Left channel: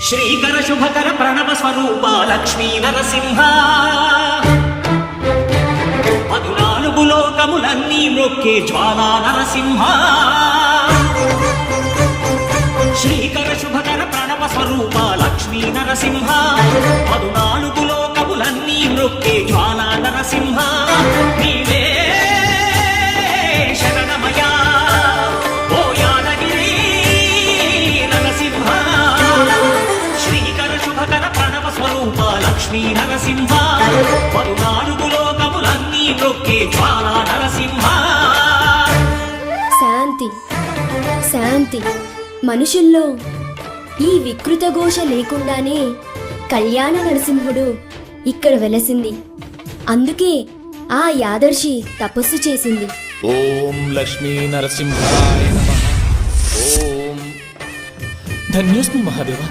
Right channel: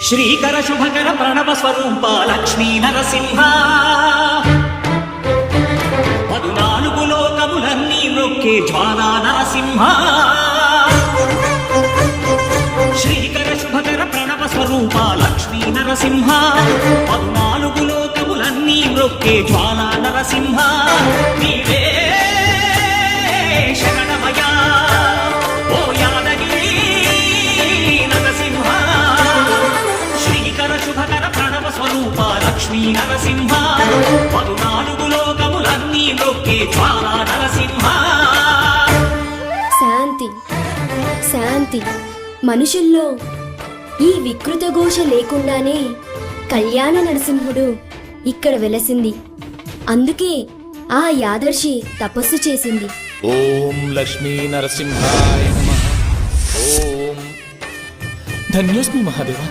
శ్రీకర శుభకర ప్రణవ స్వరూప లక్ష్మీ నరసింహ 14 లోకములన్నీ మ్రొక్కే జ్వాలా నరసింహ శ్రీకర శుభకర ప్రణవ స్వరూప లక్ష్మీ నరసింహ 14 లోకములన్నీ మ్రొక్కే జ్వాలా నరసింహ నీవే శరణమయా ఓ యాదగిరి నరసింహ శ్రీకర శుభకర ప్రణవ స్వరూప లక్ష్మీ నరసింహ 14 లోకములన్నీ మ్రొక్కే జ్వాలా నరసింహ. శాంతి శాంతి మనుషుల్లో ఈ వికృత ఘోష లేకుండానే కళ్యాణ నరసింహుడు ఇక్కడ వెలసింది. అందుకే ఆ యాదర్శి తపస్సు చేసింది. ఓం లక్ష్మీ నరసింహాయ నమః. ఓం ధన్యోస్మి మహాదేవ.